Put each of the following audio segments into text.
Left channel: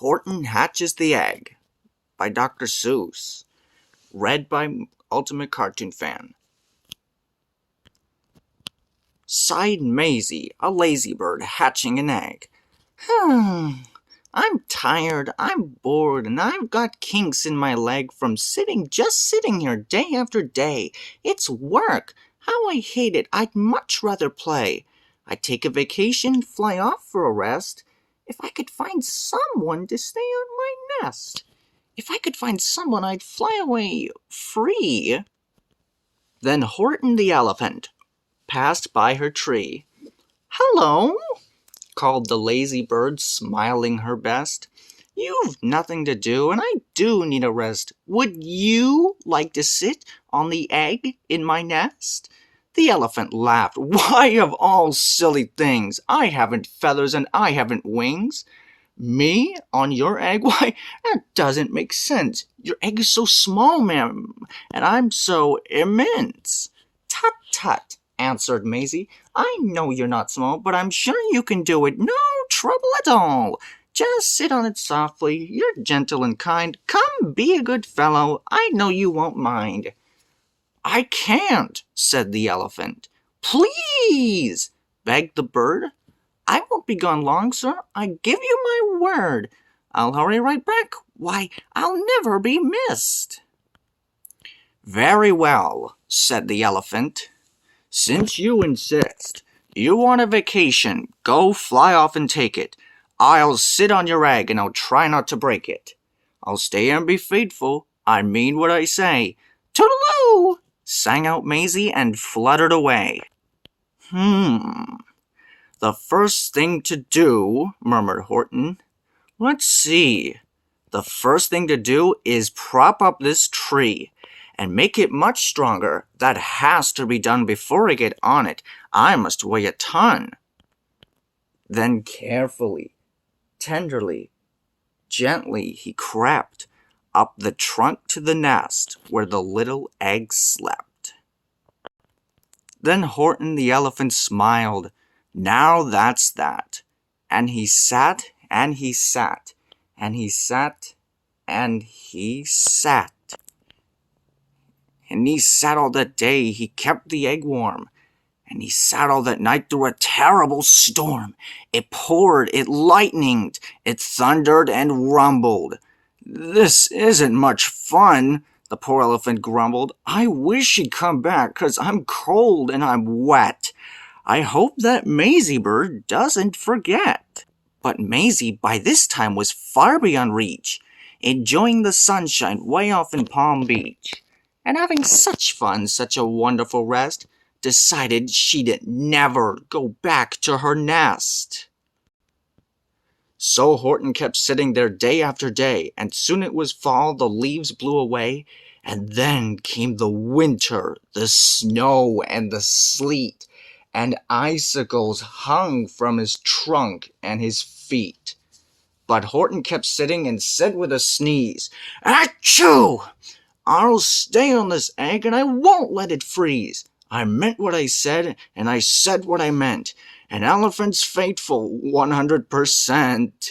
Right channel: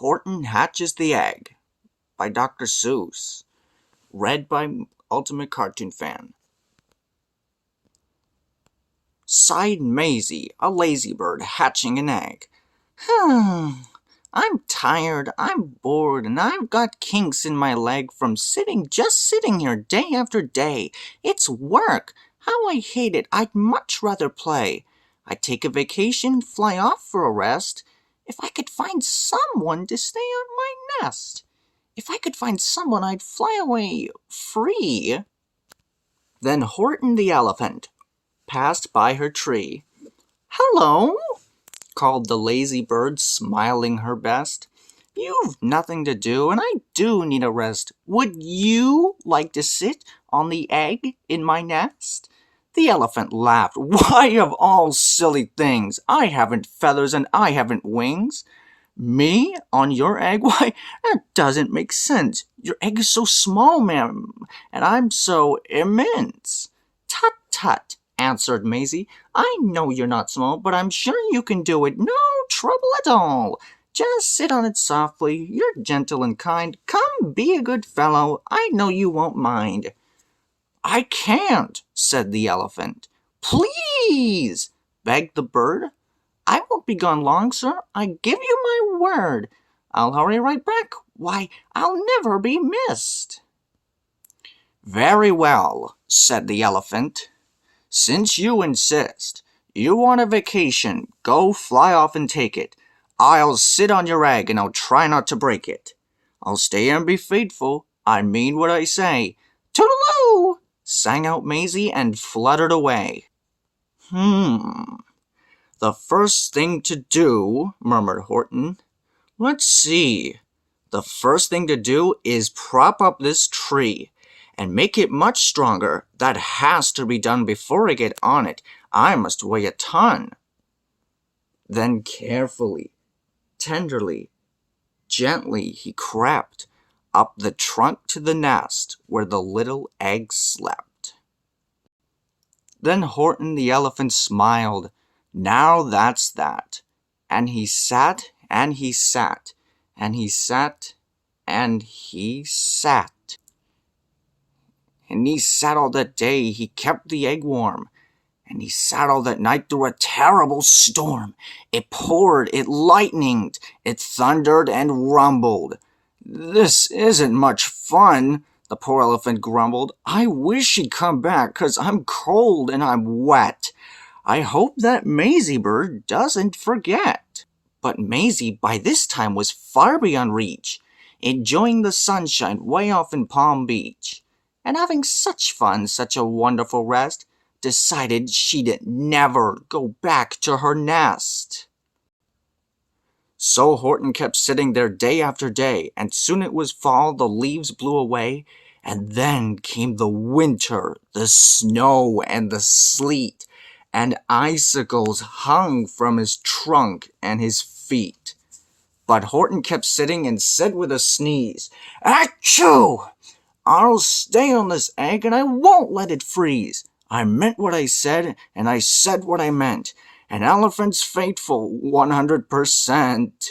Horton Hatches the Egg by Dr. Seuss. Read by Ultimate Cartoon Fan. Sighed Maisy, a lazy bird hatching an egg. I'm tired, I'm bored, and I've got kinks in my leg from just sitting here day after day. It's work. How I hate it. I'd much rather play. I'd take a vacation, fly off for a rest. If I could find someone to stay on my nest. If I could find someone, I'd fly away free. Then Horton the Elephant passed by her tree. "Hello," called the lazy bird, smiling her best. "You've nothing to do, and I do need a rest. Would you like to sit on the egg in my nest?" The elephant laughed. "Why, of all silly things, I haven't feathers and I haven't wings. Me on your egg? Why, that doesn't make sense. Your egg is so small, ma'am, and I'm so immense." "Tut, tut," answered Maisy. "I know you're not small, but I'm sure you can do it. No trouble at all. Just sit on it softly. You're gentle and kind. Come, be a good fellow. I know you won't mind." "I can't," said the elephant. "Please," begged the bird. "I won't be gone long, sir. I give you my word. I'll hurry right back. Why, I'll never be missed." "Very well," said the elephant. "Since you insist, you want a vacation, go fly off and take it. I'll sit on your egg and I'll try not to break it. I'll stay and be faithful. I mean what I say." "Toodaloo!" sang out Maisy and fluttered away. "The first thing to do," murmured Horton. "Let's see. The first thing to do is prop up this tree and make it much stronger. That has to be done before I get on it. I must weigh a ton." Then carefully, tenderly, gently he crept up the trunk to the nest where the little egg slept. Then Horton the elephant smiled. "Now that's that." And he sat, and he sat, and he sat, and he sat. And he sat all that day, he kept the egg warm. And he sat all that night through a terrible storm. It poured, it lightened, it thundered and rumbled. "This isn't much fun," the poor elephant grumbled. "I wish he'd come back, 'cause I'm cold and I'm wet. I hope that Maisy bird doesn't forget." But Maisy by this time was far beyond reach, enjoying the sunshine way off in Palm Beach, and having such fun, such a wonderful rest, decided she'd never go back to her nest. So Horton kept sitting there day after day, and soon it was fall, the leaves blew away, and then came the winter, the snow and the sleet, and icicles hung from his trunk and his feet. But Horton kept sitting and said with a sneeze, "Achoo! I'll stay on this egg and I won't let it freeze. I meant what I said, and I said what I meant. An elephant's faithful 100%.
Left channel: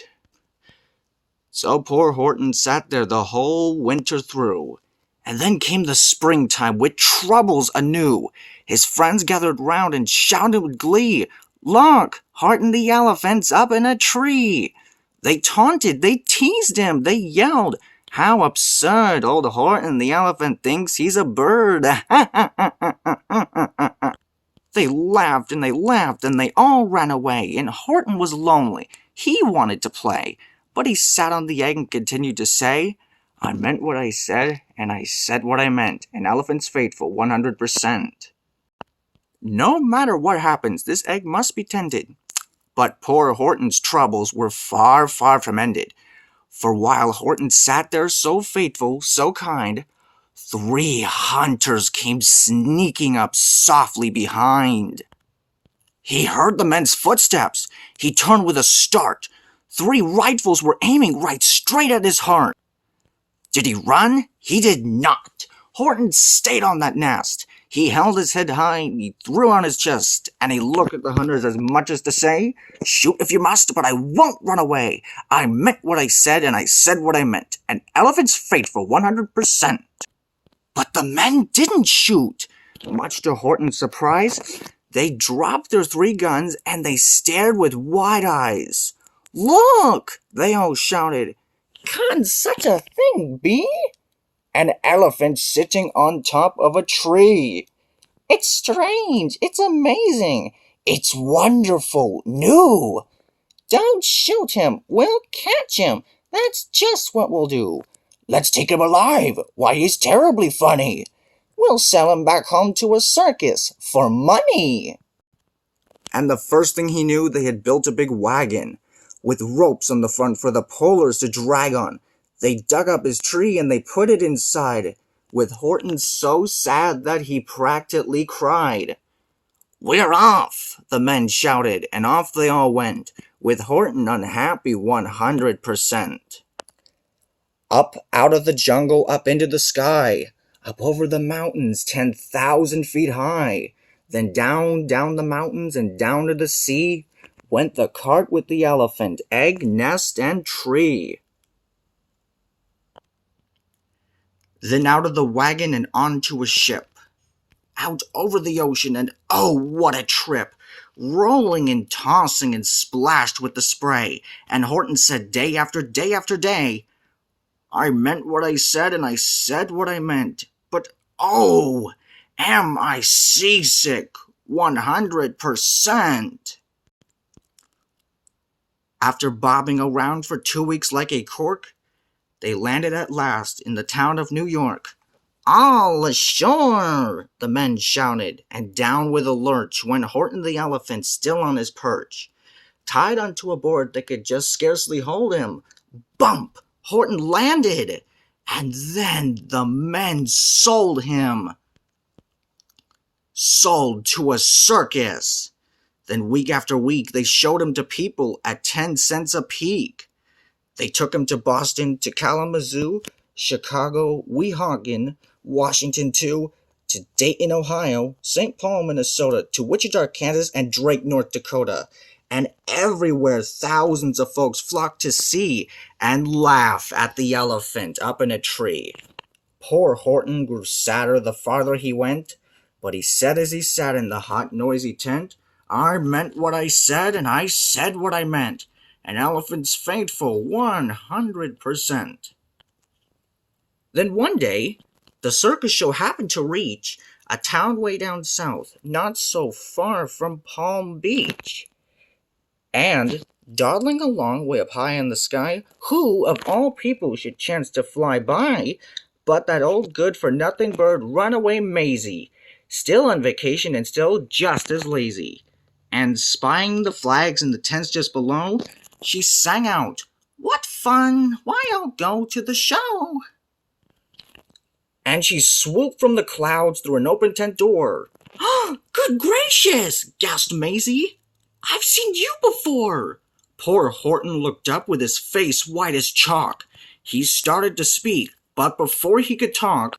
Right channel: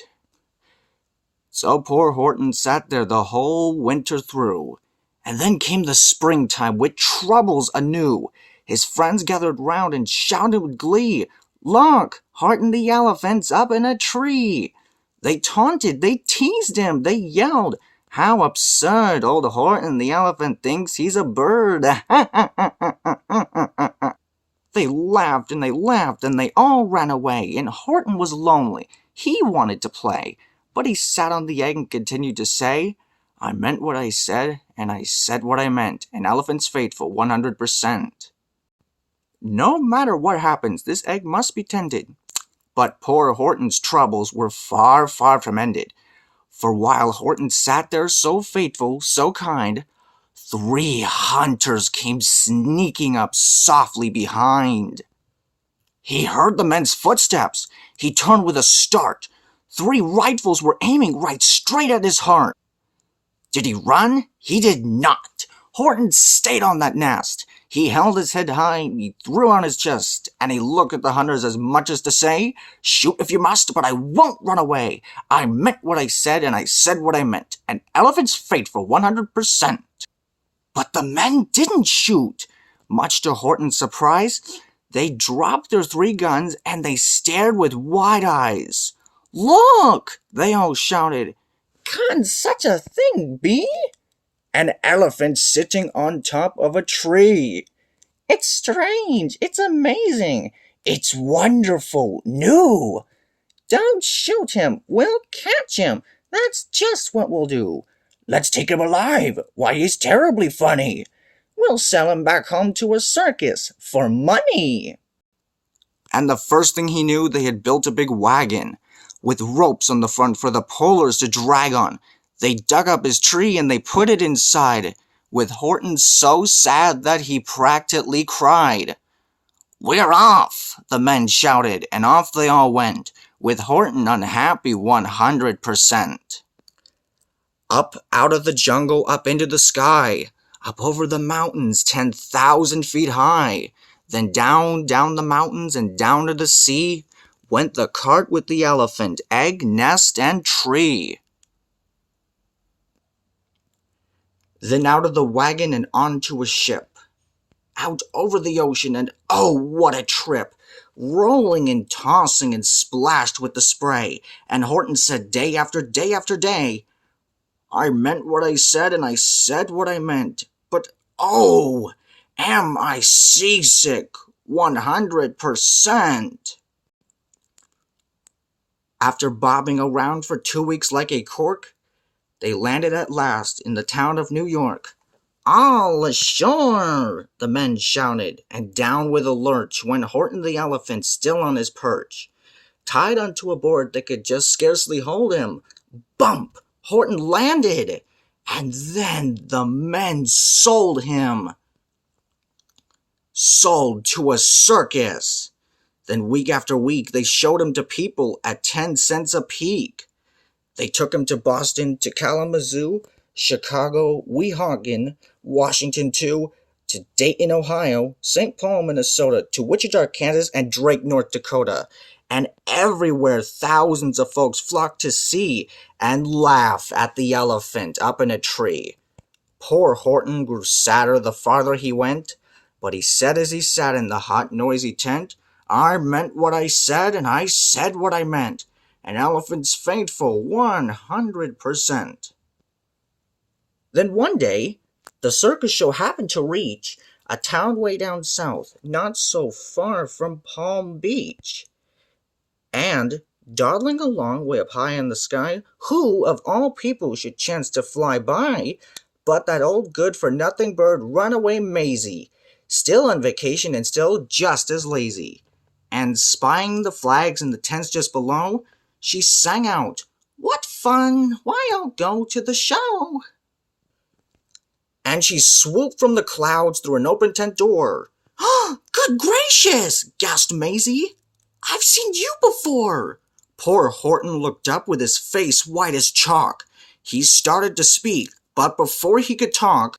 So poor Horton sat there the whole winter through. And then came the springtime with troubles anew. His friends gathered round and shouted with glee, "Look, Horton the elephant's up in a tree!" They taunted, they teased him, they yelled, "How absurd! Old Horton the elephant thinks he's a bird!" They laughed and they laughed and they all ran away, and Horton was lonely. He wanted to play, but he sat on the egg and continued to say, "I meant what I said, and I said what I meant. An elephant's faithful 100%. No matter what happens, this egg must be tended." But poor Horton's troubles were far, far from ended. For while Horton sat there so faithful, so kind, 3 hunters came sneaking up softly behind. He heard the men's footsteps. He turned with a start. 3 rifles were aiming right straight at his heart. Did he run? He did not. Horton stayed on that nest. He held his head high, he threw on his chest, and he looked at the hunters as much as to say, "Shoot if you must, but I won't run away. I meant what I said, and I said what I meant. An elephant's faithful 100%. But the men didn't shoot. Much to Horton's surprise, they dropped their 3 guns and they stared with wide eyes. "Look!" they all shouted. "Can such a thing be? An elephant sitting on top of a tree. It's strange, it's amazing, it's wonderful, new. Don't shoot him, we'll catch him, that's just what we'll do. Let's take him alive, why he's terribly funny. We'll sell him back home to a circus for money." And the first thing he knew, they had built a big wagon with ropes on the front for the pullers to drag on. They dug up his tree and they put it inside, with Horton so sad that he practically cried. "We're off!" the men shouted, and off they all went, with Horton unhappy 100%. Up out of the jungle, up into the sky, up over the mountains 10,000 feet high, then down the mountains and down to the sea, went the cart with the elephant, egg, nest, and tree. Then out of the wagon and onto a ship, out over the ocean, and oh, what a trip! Rolling and tossing and splashed with the spray, and Horton said day after day after day, "I meant what I said, and I said what I meant, but oh, am I seasick 100%. After bobbing around for 2 weeks like a cork, they landed at last in the town of New York. "All ashore!" the men shouted, and down with a lurch went Horton the Elephant, still on his perch, tied onto a board that could just scarcely hold him. Bump! Horton landed, and then the men sold him. Sold to a circus. Then week after week they showed him to people at 10 cents a peek. They took him to Boston, to Kalamazoo, Chicago, Weehawken, Washington too, to Dayton, Ohio, St. Paul, Minnesota, to Wichita, Kansas, and Drake, North Dakota. And everywhere thousands of folks flocked to see and laugh at the elephant up in a tree. Poor Horton grew sadder the farther he went, but he said as he sat in the hot, noisy tent, "I meant what I said, and I said what I meant. An elephant's faithful 100%. Then one day, the circus show happened to reach a town way down south, not so far from Palm Beach. And, dawdling along way up high in the sky, who of all people should chance to fly by but that old good-for-nothing bird Runaway Maisy, still on vacation and still just as lazy. And spying the flags in the tents just below, she sang out, "What fun! Why, I'll go to the show!" And she swooped from the clouds through an open tent door. "Oh, good gracious!" gasped Maisy. "I've seen you before!" Poor Horton looked up with his face white as chalk. He started to speak, but before he could talk,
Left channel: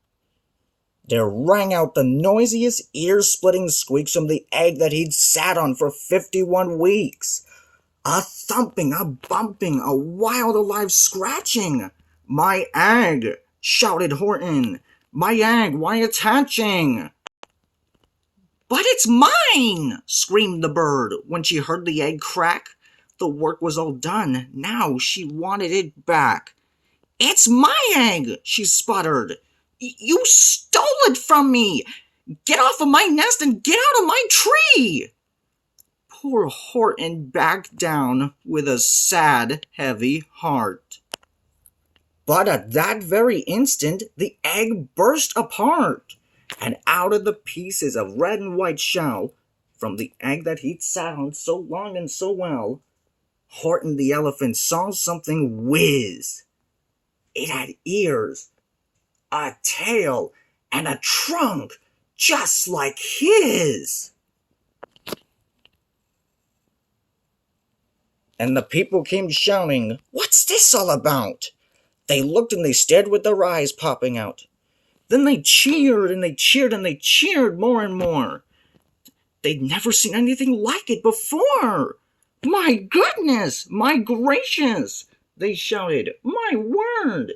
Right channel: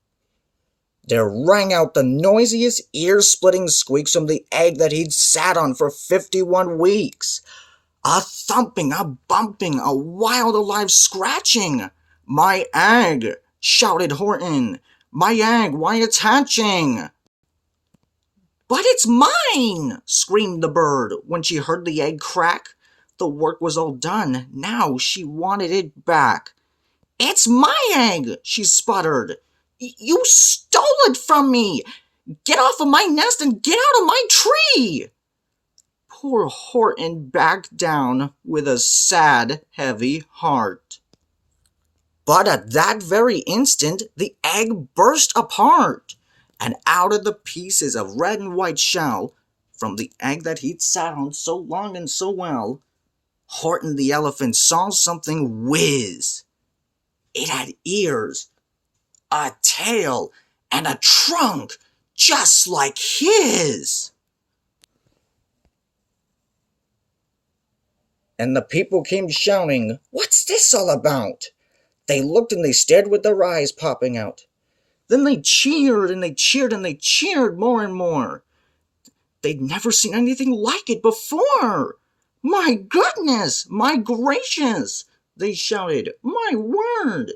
there rang out the noisiest, ear-splitting squeaks from the egg that he'd sat on for 51 weeks. A thumping, a bumping, a wild, alive scratching. "My egg!" shouted Horton. "My egg, why it's hatching!" "But it's mine!" screamed the bird when she heard the egg crack. The work was all done, now she wanted it back. "It's my egg!" she sputtered. "You stole it from me! Get off of my nest and get out of my tree!" Poor Horton backed down with a sad, heavy heart. But at that very instant, the egg burst apart, and out of the pieces of red and white shell, from the egg that he'd sat on so long and so well, Horton the Elephant saw something whiz. It had ears, a tail, and a trunk just like his. And the people came shouting, "What's this all about?" They looked and they stared with their eyes popping out. Then they cheered and they cheered and they cheered more and more. They'd never seen anything like it before. My goodness! My gracious! They shouted. My word!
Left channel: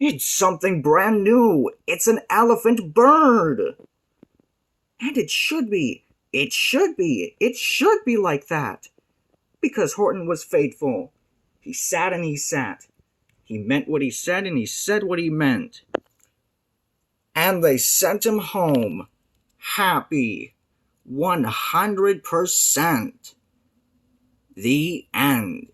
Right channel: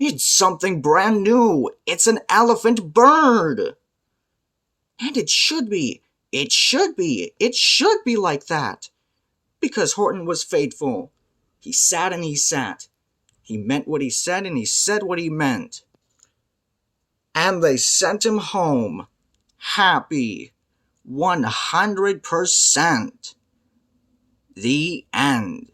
It's something brand new! It's an elephant bird! And it should be! It should be! It should be like that! Because Horton was faithful. He sat and he sat. He meant what he said and he said what he meant. And they sent him home. Happy. 100%. The end.